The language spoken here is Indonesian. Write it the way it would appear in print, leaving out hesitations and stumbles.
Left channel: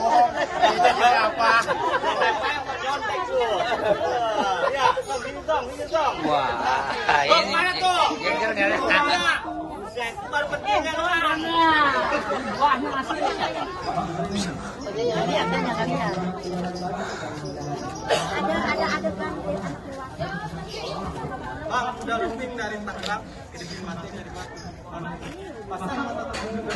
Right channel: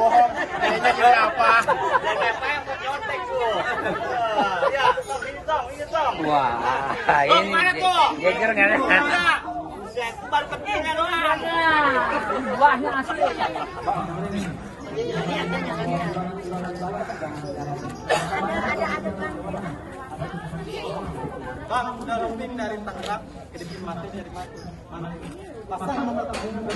bohong. Jadi apa? Apa yang mau nyontek tuh? Ya, ini dong. Tong mana tuh? Buset, baru pentingnya doang. Buahnya asli. Bang, udah rutin dari tangkap ke mati dari mati. Mana? Pasang mata terbunuh ke